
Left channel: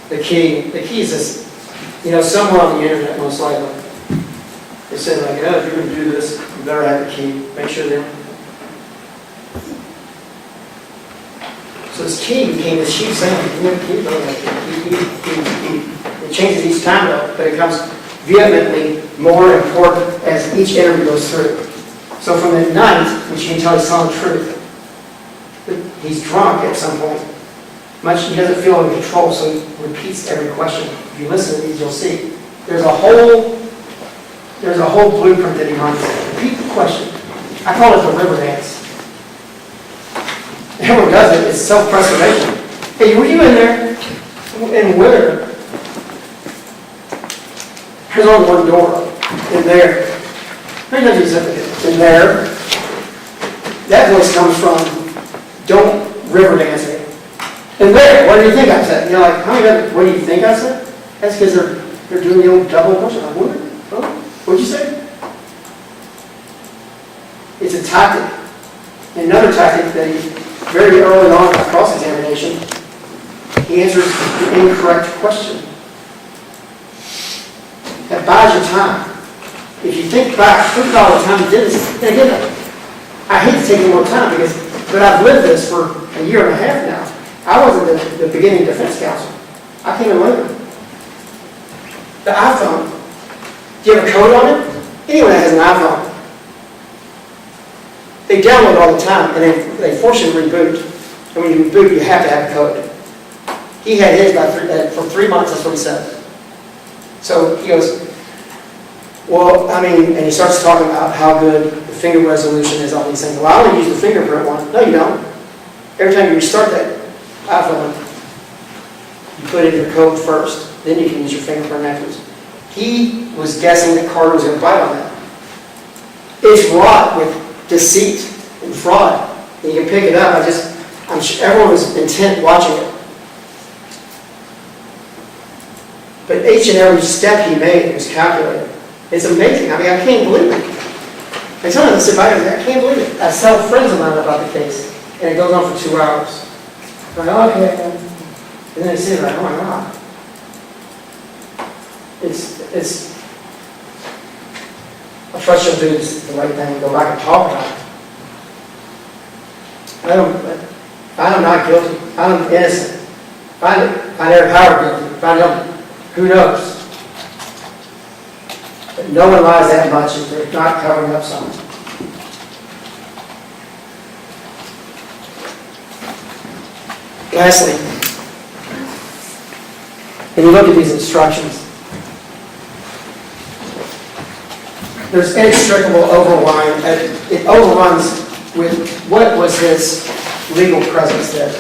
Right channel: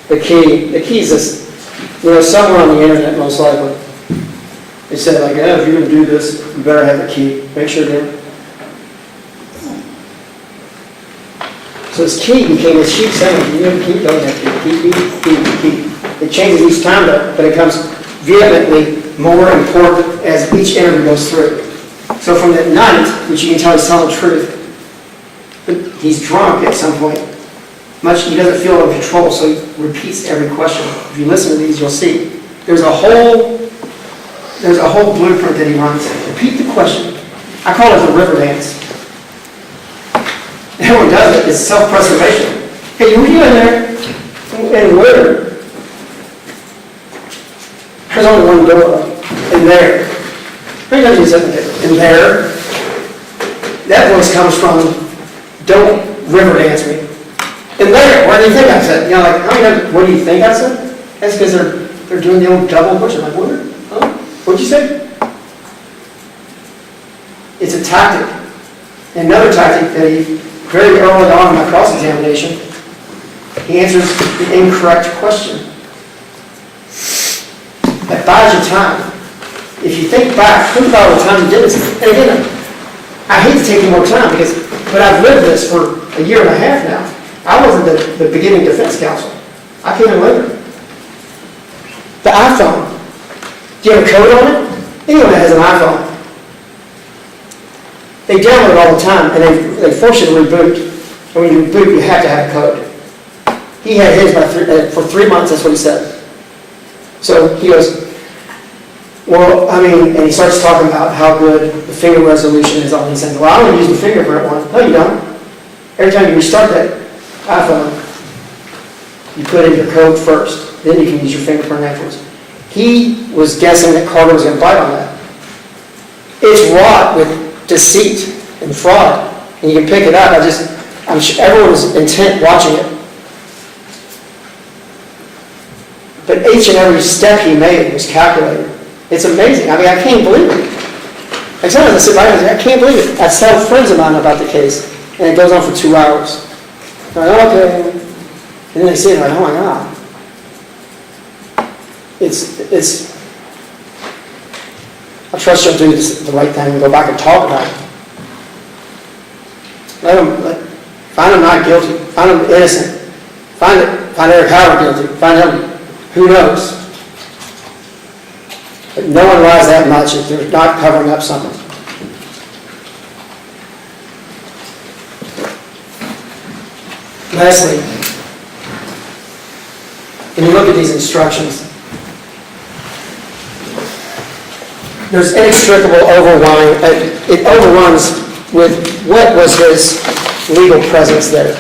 the key is this, you know, somewhere on the internet most likely. They said like, oh, if you're going to do this, you better have a key. Make sure that. So his key became his chief saying, you have a key, don't have to key. It changes each time though, but it becomes vehemently more important as each interview goes through. So from the night, which you can tell he's telling the truth, but he's drunk at some point. He doesn't feel in control, so he repeats every question. If you listen to these, you'll see. There's a whole blueprint that he runs. Repeat the question. I call it the river dance. Everyone does it. It's self-preservation. Hey, were you in there in winter? There's only one door. In there. How many times he said that? In there. That voice comes from, don't river dance me. In there. What do you think I said? You know, like, how many times, what do you think I said? That's because they're doing the old double push. I'm like, what? Oh, what'd you say? It's a tactic. And another tactic that he, very early on in my cross-examination, he answers the incorrect question. That buys you time. If you think about all the time he did this. And again, I hate to take more time but I've lived this for a year and a half now. I wasn't the beginning defense counsel. I came in later. The iPhone. Do you have a code on it? Anyone that has an iPhone. They download it all the time, and they force you to reboot. And when you reboot, you have to have a code. He had his for 3 months, that's what he said. So he goes, well, I mean, and he starts talking about how good the finger resolution is on these things. Well, I only use the fingerprint one. No, you don't. Every time you restart that iPhone, you put in your code first. Then you can use your fingerprint afterwards. He was guessing that Carter was going to bite on that. It's wrought with deceit and fraud, and you can pick it up. I'm sure everyone was intent watching it. But each and every step he made was calculated. It's amazing. I mean, I can't believe it. I tell them, I sit back and I can't believe it. I tell friends of mine about the case, and it goes on for 2 hours. They're like, okay. And then they see it, they're like, oh my God. I trust you'll do the right thing and go back and talk about it. Find him not guilty. Find him innocent. Find Erich Howard guilty. Find him, who knows? But no one lies that much if they're not covering up something. Lastly, when you look at these instructions, there's inextricable overrunning. It overruns with what was his legal presence there.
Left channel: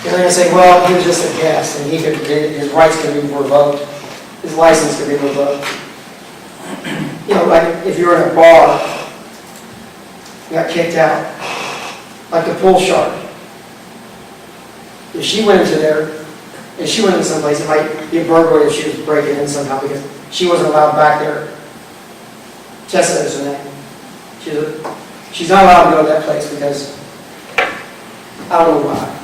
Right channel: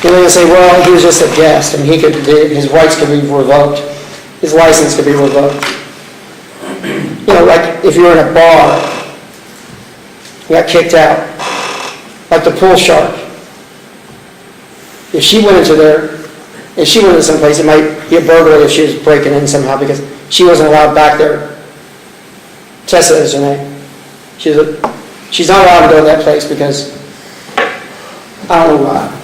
And then I say, well, he was just a guest, and his rights could be revoked. His license could be revoked. You know, like if you're in a bar, you got kicked out, like the pool shark. If she went into there, if she went into someplace, it might be a burglary if she was breaking in somehow because she wasn't allowed back there. Tessa is her name. She's not allowed to go to that place because I don't know why.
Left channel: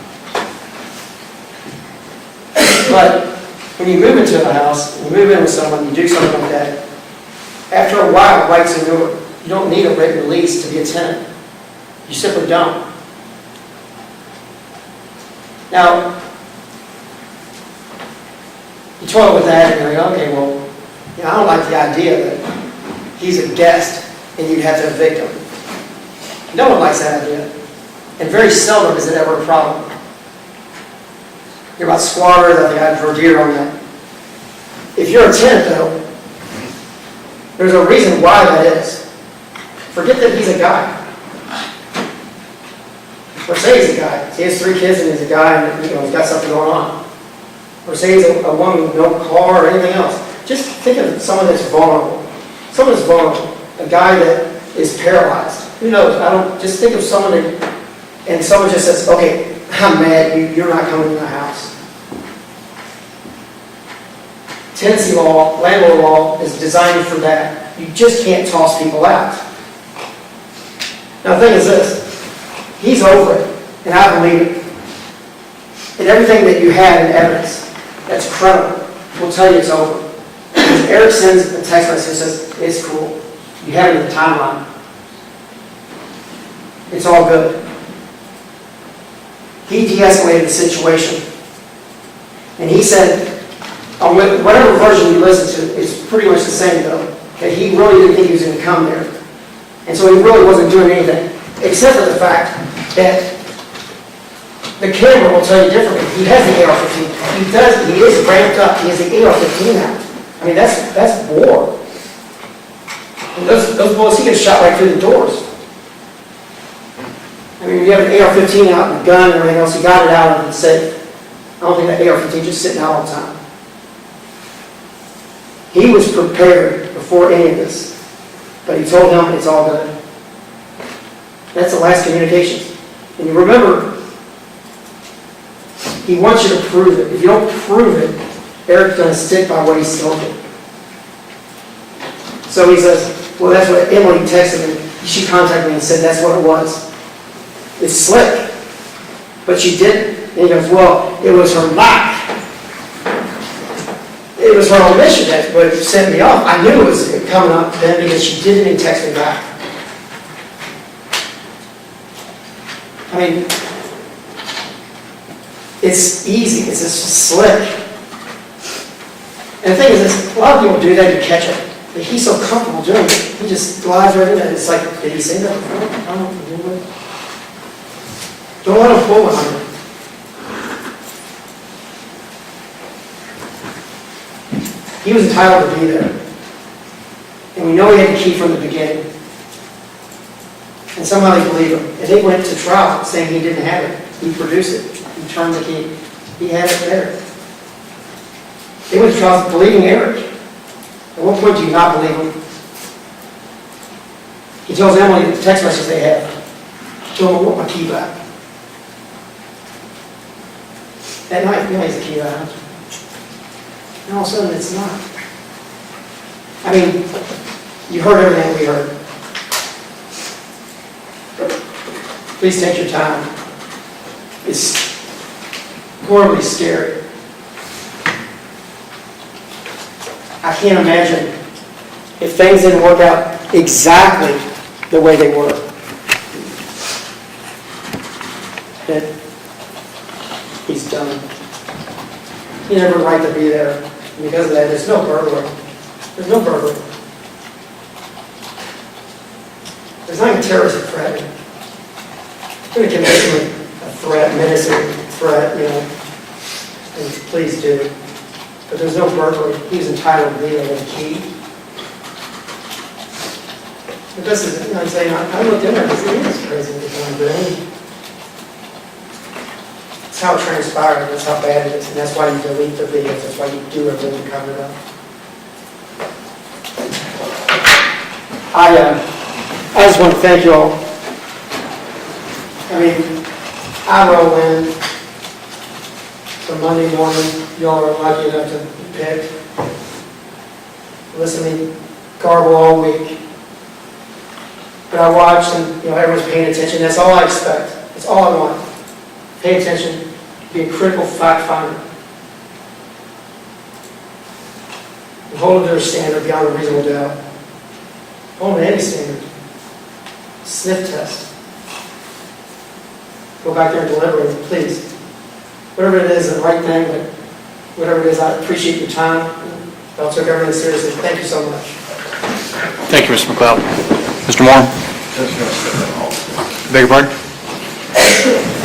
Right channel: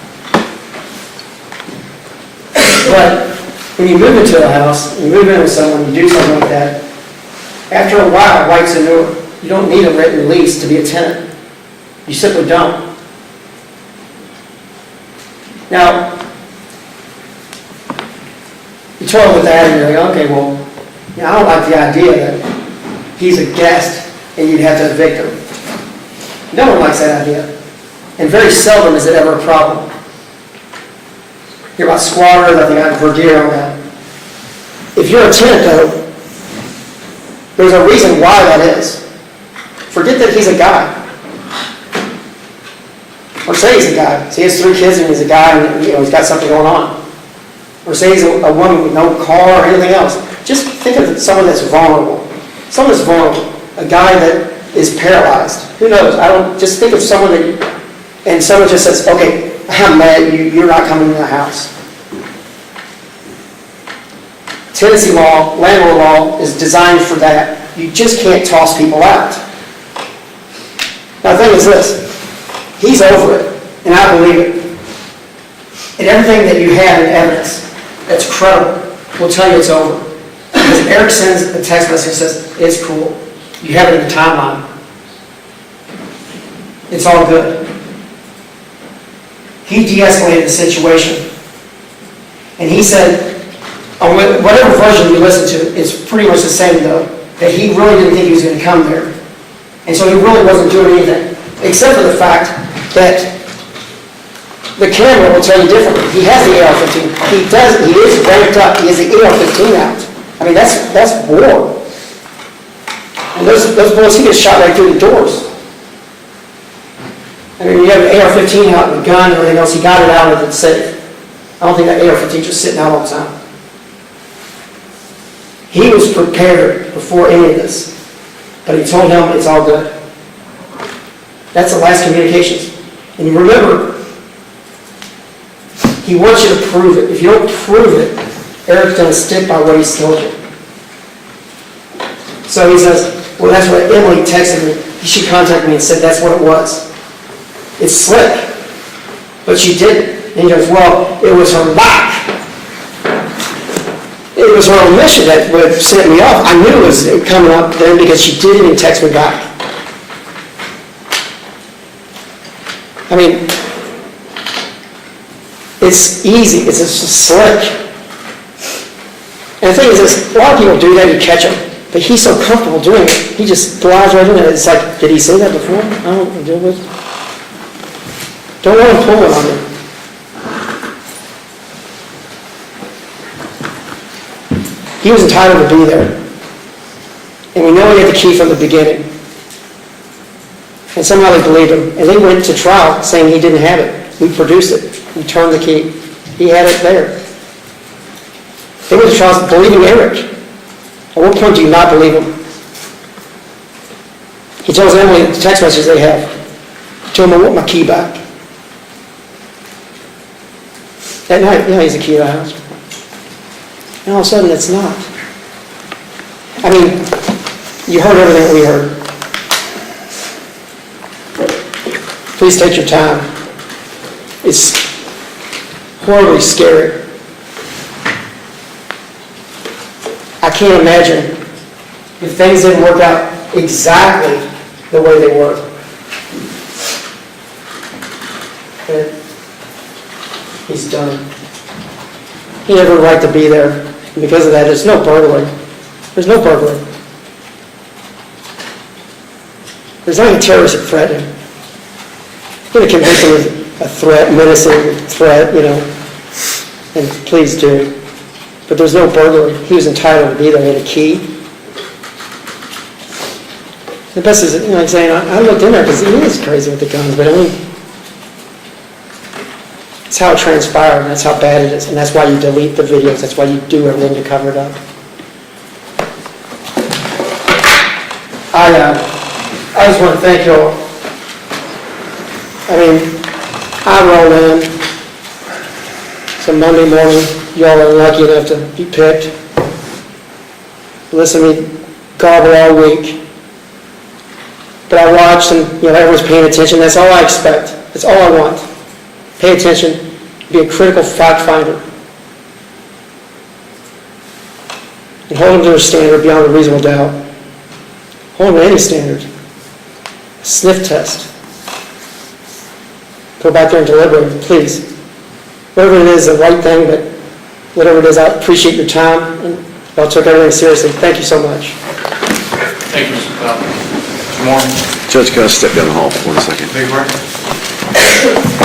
But when you move into a house, you move in with someone, you do something like that, after a while, rights inure. You don't need a written lease to be a tenant. You simply don't. Now, you talk with that and you're like, okay, well, I don't like the idea that he's a guest and you'd have to evict him. No one likes that idea. And very seldom is it ever a problem. Hear about squatters, I think I've heard here on that. If you're a tenant, though, there's a reason why that is. Forget that he's a guy. Or say he's a guy. Say he has 3 kids and he's a guy and he's got something going on. Or say he's a woman with no car or anything else. Just think of someone that's vulnerable. Someone that's vulnerable. A guy that is paralyzed. Who knows? Just think of someone and someone just says, okay, I'm mad, you're not coming to the house. Tenancy law, landlord law is designed for that. You just can't toss people out. Now the thing is this, he's over it, and I believe it. And everything that you have in evidence that's credible will tell you it's over. Because Erich sends a text message and says, it's cool. You have it in the timeline. It's all good. He de-escalated the situation. And he said, on whatever version you listen to, it's pretty much the same though, that he really didn't think he was going to come there. And so he really wasn't doing anything, except for the fact that the camera will tell you differently. He has the AR-15. He is ramped up. He has the AR-15 out. I mean, that's war. And those bullets, he gets shot right through the doors. I mean, you have an AR-15 out and a gun and everything else, he got it out of the safe. I don't think that AR-15 just sitting out all the time. He was prepared before any of this, but he told him it's all good. That's the last communications. And you remember, he wants you to prove it. If you don't prove it, Eric's going to stick by what he's told you. So he says, well, that's what Emily texted me. She contacted me and said that's what it was. It's slick, but she didn't. And he goes, well, it was her lack. It was her omission that would send me off. I knew it was coming up then because she didn't even text me back. I mean, it's easy. It's just slick. And the thing is this, a lot of people do that, you catch them. But he's so comfortable doing it, he just glides right in there. It's like, did he say that before? I don't know what to deal with. Don't want to pull it on me. He was entitled to be there. And we know he had the key from the beginning. And somehow they believed him. And they went to trial saying he didn't have it. We produced it. We turned the key. He had it there. They went to trial believing Erich. At what point do you not believe him? He tells Emily the text message they have. Tell him I want my key back. That night, yeah, he's the key to the house. And all of a sudden, it's not. I mean, you heard everything we heard. Please take your time. It's horribly scary. I can't imagine if things didn't work out exactly the way they were. And he's done. He never had a right to be there. And because of that, there's no burglary. There's no burglary. There's not even terroristic threat. I'm going to convict him of a threat, menacing threat, and please do. But there's no burglary. He was entitled to be there. He had a key. The best is, I'm saying, I looked in there because he is crazy with the guns, but I mean, it's how it transpired, that's how bad it is, and that's why you delete the videos, that's why you do everything to cover it up. I just want to thank you all. I mean, I rolled in. It's a Monday morning. Y'all are lucky enough to be picked. Listen to me garble all week. But I watched and, everyone's paying attention. That's all I expect. That's all I want. Pay attention. Be a critical fact finder. And hold them to their standard beyond a reasonable doubt. Hold them to any standard. Sniff test. Go back there and deliberate, please. Whatever it is, the right thing, but whatever it is, I appreciate your time, and y'all took everything seriously. Thank you so much. Thank you, Mr. McLeod. Mr. Moore? Judge, can I step down the hall for 1 second? Beg your pardon?